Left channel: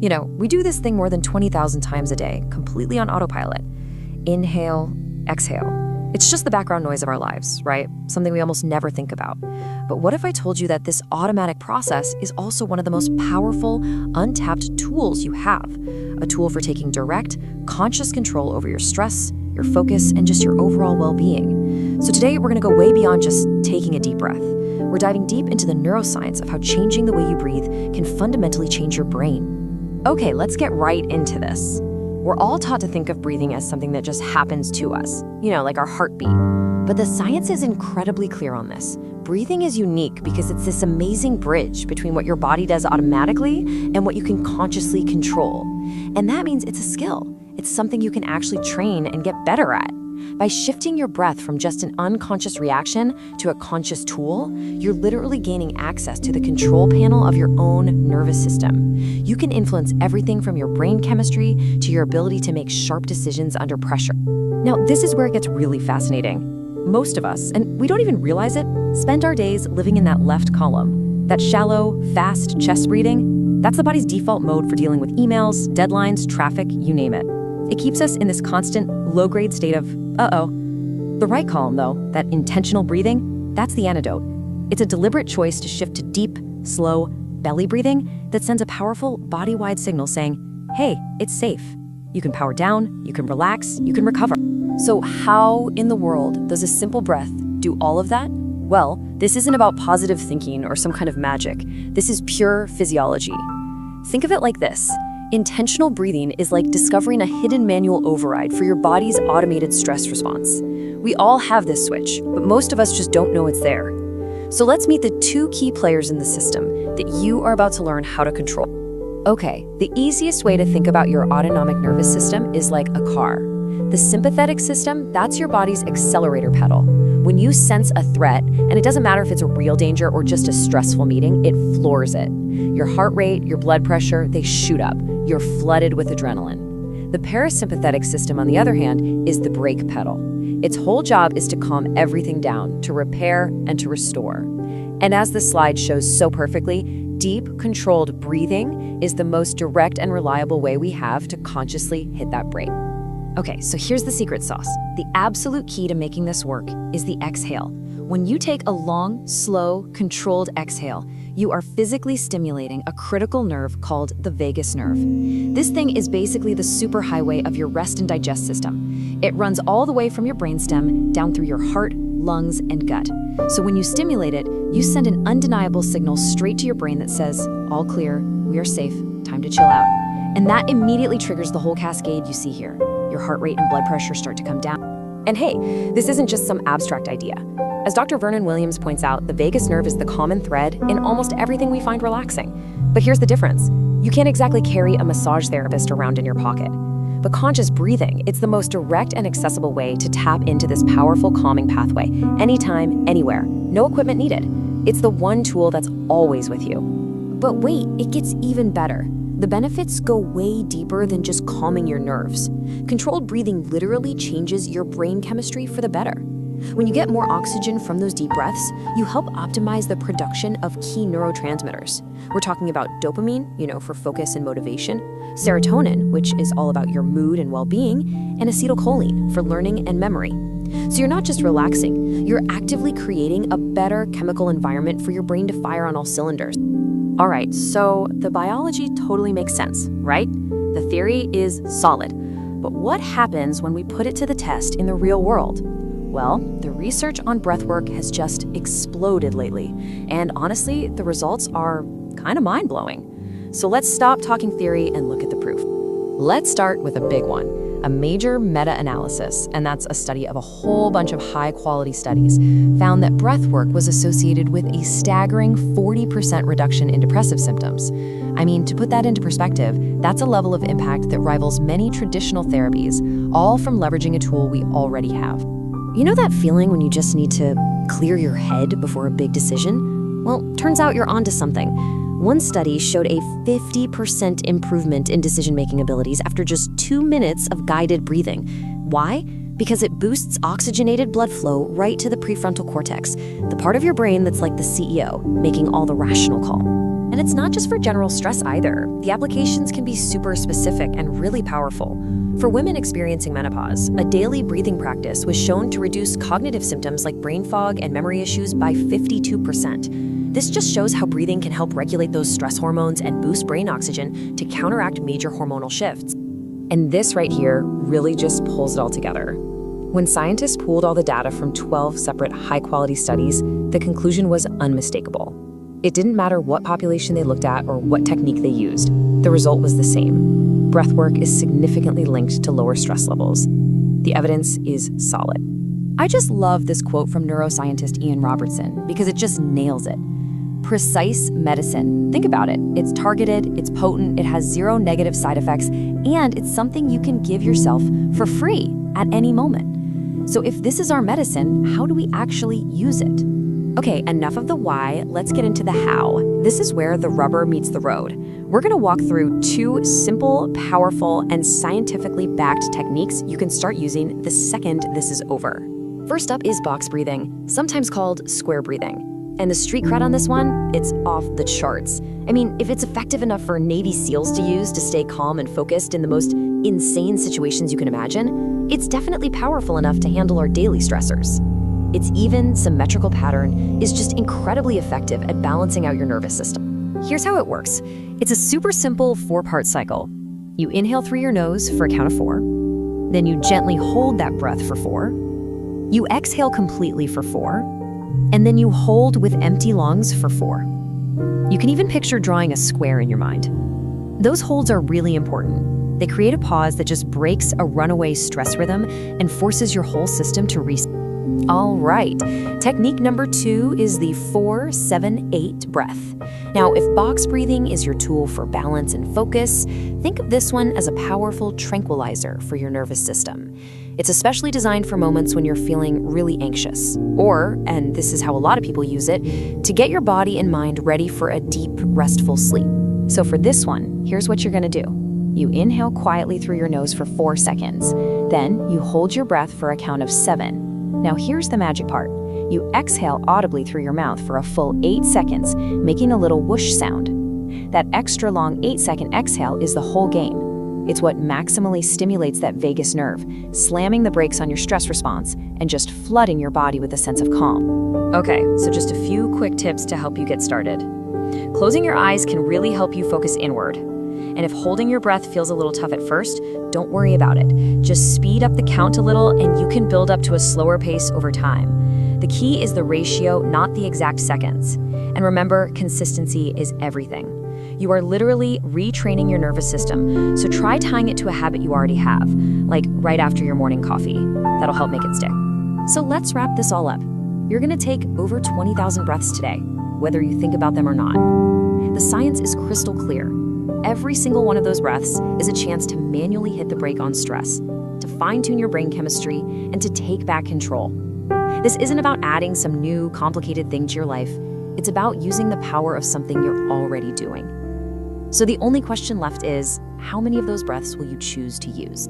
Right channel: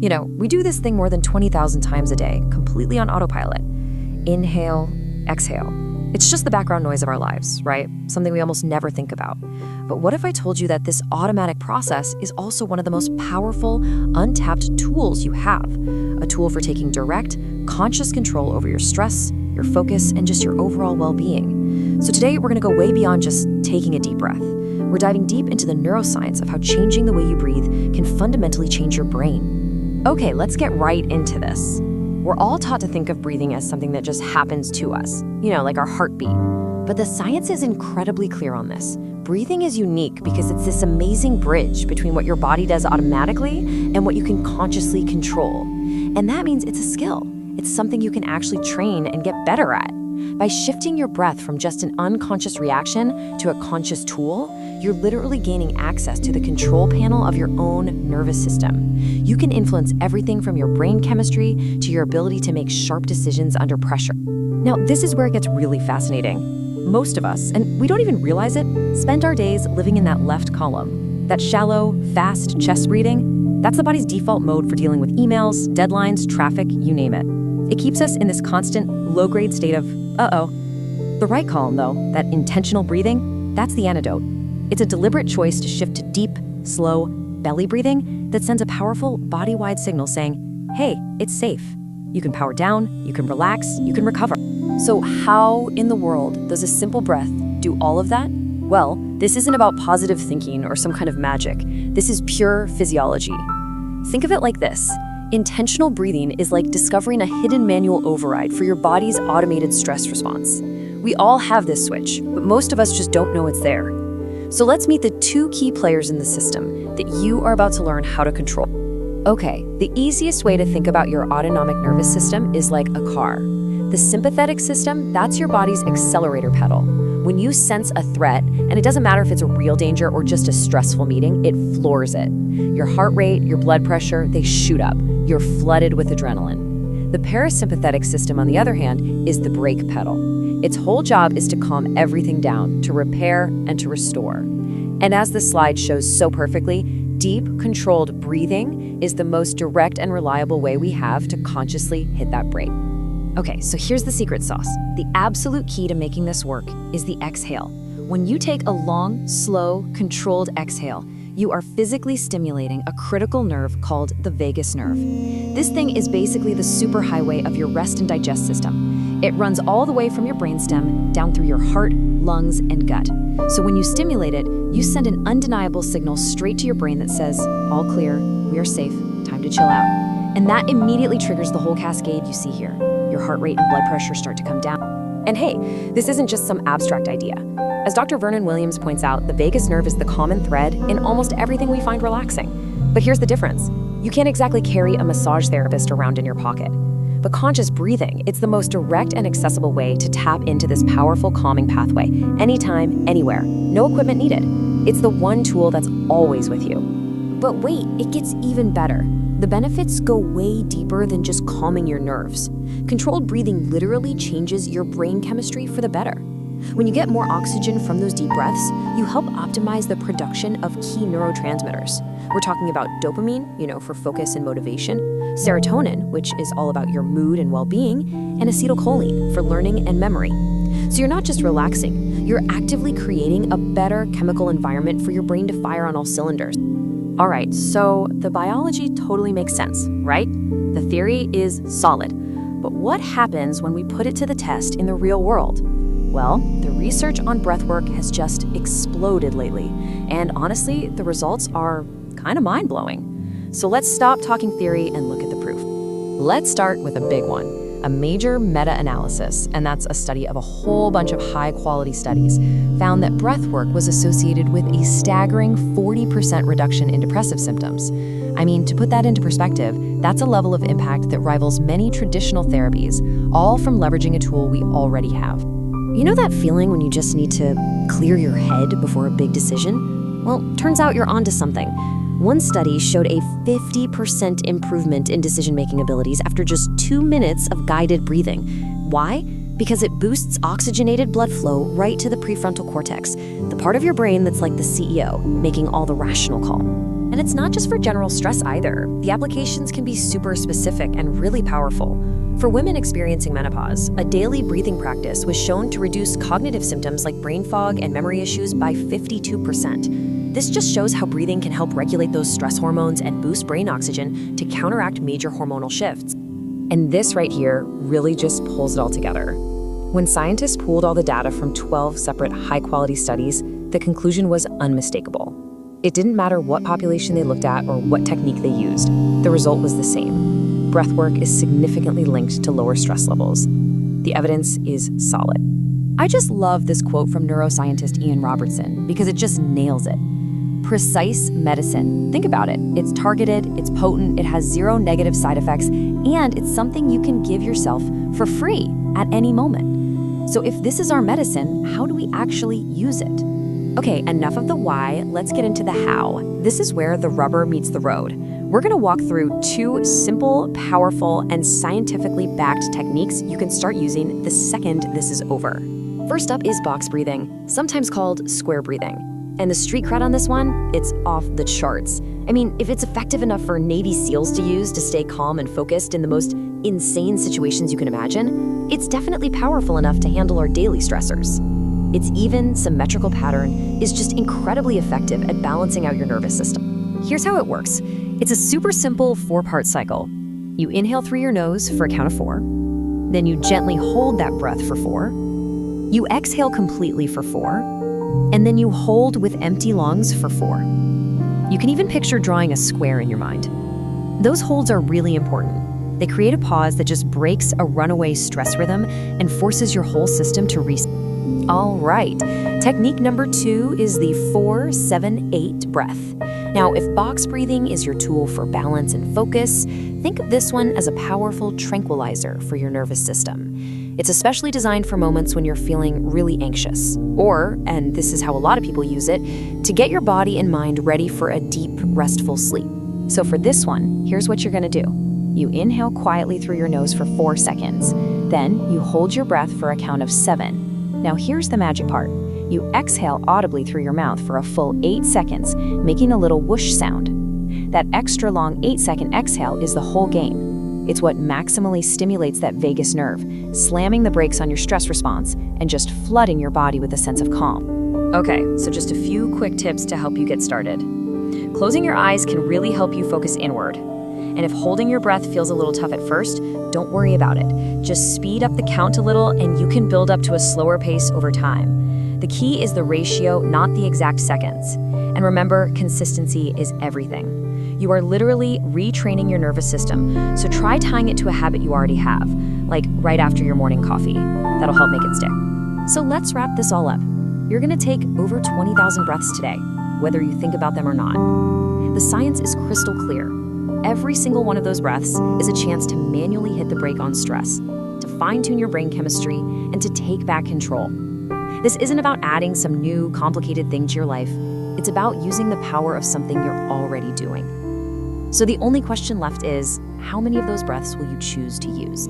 You know, we do this thing more than 20,000 times a day, completely on autopilot. Inhale, exhale. It's just the background noise of our lives, right? Something we almost never think about. But what if I told you that this automatic process is also one of the most powerful, untapped tools you have? A tool for taking direct, conscious control over your stress, your focus, and just your overall well-being. So today, we're gonna go way beyond just taking a deep breath. We're diving deep into the neuroscience of how changing the way you breathe can fundamentally change your brain. Okay, let's get right into this. We're all taught to think of breathing as something that just happens to us, you know, like our heartbeat. But the science is incredibly clear on this. Breathing is unique because it's this amazing bridge between what your body does automatically and what you can consciously control. And that means it's a skill. It's something you can actually train and get better at. By shifting your breath from just an unconscious reaction to a conscious tool, you're literally gaining access to the control panel of your own nervous system. You can influence everything from your brain chemistry to your ability to make sharp decisions under pressure. Now, this is where it gets really fascinating. Most of us, and we don't even realize it, spend our days living in that left column. That shallow, fast chest breathing, that's the body's default mode for dealing with emails, deadlines, traffic, you name it. It keeps us in this constant, low-grade state of, uh-oh. The right column, though, that intentional breathing, that's the antidote. It's a deliberate choice to shift to deep, slow, belly breathing that sends a powerful, body-wide signal saying, hey, it's safe. You can power down, you can relax, you can recover. So how in the world does a simple breath do all of that? Well, this isn't about positive thinking or some kind of magic. This is pure physiology. Think of it like this. Intentional breathing is like discovering a hidden manual override for your body's automated stress response. We all have this switch, but most of us just don't know it's there. So let's meet the two key players in the system that you are about to learn how to control. Okay, the easiest way to think about your autonomic nervous system is like a car. The sympathetic system, that's your body's accelerator pedal. When you sense a threat, and it doesn't matter if it's a real danger or just a stressful meeting, it floors it. Your heart rate, your blood pressure, they shoot up. You're flooded with adrenaline. The parasympathetic system, on the other hand, is the brake pedal. Its whole job is to calm everything down, to repair and to restore. And as the slide shows so perfectly, deep, controlled breathing is the most direct and reliable way we have to consciously hit that brake. Okay, so here's the secret sauce. The absolute key to making this work is the exhale. When you take a long, slow, controlled exhale, you are physically stimulating a critical nerve called the vagus nerve. This thing is basically the superhighway of your rest and digest system. It runs all the way from your brainstem down through your heart, lungs, and gut. So when you stimulate it, you send an undeniable signal straight to your brain that says, all clear, we are safe, time to chill out. And that immediately triggers the whole cascade you see here. Your heart rate and blood pressure start to come down. And hey, this isn't just some abstract idea. As Dr. Vernon Williams points out, the vagus nerve is the common thread in almost everything we find relaxing. But here's the difference. You can't exactly carry a massage therapist around in your pocket. But conscious breathing, it's the most direct and accessible way to tap into this powerful calming pathway, anytime, anywhere, no equipment needed. It's the one tool that's always with you. But wait, it gets even better. The benefits go way deeper than just calming your nerves. Controlled breathing literally changes your brain chemistry for the better. When you get more oxygen from those deep breaths, you help optimize the production of key neurotransmitters. We're talking about dopamine, for focus and motivation, serotonin, which is all about your mood and well-being, and acetylcholine for learning and memory. So you're not just relaxing, you're actively creating a better chemical environment for your brain to fire on all cylinders. All right, so the biology totally makes sense, right? The theory is solid. But what happens when we put it to the test in the real world? Well, the research on breathwork has just exploded lately. And honestly, the results are kind of mind-blowing. So let's stop talking theory and look at the proof. Let's start with a big one. A major meta-analysis, and that's a study of a whole bunch of high-quality studies, found that breathwork was associated with a staggering 40% reduction in depressive symptoms. I mean, to put that into perspective, that's a level of impact that rivals many traditional therapies, all from leveraging a tool we already have. You know that feeling when you just need to clear your head before a big decision? Well, turns out you're onto something. One study showed a 50% improvement in decision-making abilities after just 2 minutes of guided breathing. Why? Because it boosts oxygenated blood flow right to the prefrontal cortex, the part of your brain that's like the CEO, making all the rational call. And And it's not just for general stress either. The applications can be super specific and really powerful. For women experiencing menopause, a daily breathing practice was shown to reduce cognitive symptoms like brain fog and memory issues by 52%. This just shows how breathing can help regulate those stress hormones and boost brain oxygen to counteract major hormonal shifts. And this right here really just pulls it all together. When scientists pooled all the data from 12 separate high-quality studies, the conclusion was unmistakable. It didn't matter what population they looked at or what technique they used. The result was the same. Breathwork is significantly linked to lower stress levels. The evidence is solid. I just love this quote from neuroscientist Ian Robertson because it just nails it. Precise medicine. Think about it. It's targeted, it's potent, it has zero negative side effects, and it's something you can give yourself for free at any moment. So if this is our medicine, how do we actually use it? Okay, enough of the why, let's get into the how. This is where the rubber meets the road. We're gonna walk through 2 simple, powerful, and scientifically backed techniques you can start using the second this is over. First up is box breathing, sometimes called square breathing. And the street cred on this one, it's off the charts. I mean, if it's effective enough for Navy SEALs to use to stay calm and focused in the most insane situations you can imagine, it's definitely powerful enough to handle our daily stressors. Its even, symmetrical pattern is just incredibly effective at balancing out your nervous system. Here's how it works. It's a super simple 4-part cycle. You inhale through your nose for a count of 4. Then you gently hold that breath for 4. You exhale completely for 4. And then you hold with empty lungs for 4. You can even picture drawing a square in your mind. Those holds are really important. They create a pause that just breaks a runaway stress rhythm and forces your whole system to reset. All right, technique number 2 is the 4-7-8 breath. Now, if box breathing is your tool for balance and focus, think of this one as a powerful tranquilizer for your nervous system. It's especially designed for moments when you're feeling really anxious, or, and this is how a lot of people use it, to get your body and mind ready for a deep, restful sleep. So for this one, here's what you're gonna do. You inhale quietly through your nose for 4 seconds. Then you hold your breath for a count of 7. Now here's the magic part. You exhale audibly through your mouth for a full 8 seconds, making a little whoosh sound. That extra long 8-second exhale is the whole game. It's what maximally stimulates that vagus nerve, slamming the brakes on your stress response and just flooding your body with a sense of calm. Okay, so just a few quick tips to help you get started. Closing your eyes can really help you focus inward. And if holding your breath feels a little tough at first, don't worry about it. Just speed up the count a little and you can build up to a slower pace over time. The key is the ratio, not the exact seconds. And remember, consistency is everything. You are literally retraining your nervous system, so try tying it to a habit you already have, like right after your morning coffee. That'll help make it stick. So let's wrap this all up. You're gonna take over 20,000 breaths today, whether you think about them or not. The science is crystal clear. Every single one of those breaths is a chance to manually hit the brake on stress, to fine-tune your brain chemistry, and to take back control. This isn't about adding some new, complicated thing to your life. It's about using the power of something you're already doing. So the only question left is, how many of those breaths will you choose to use?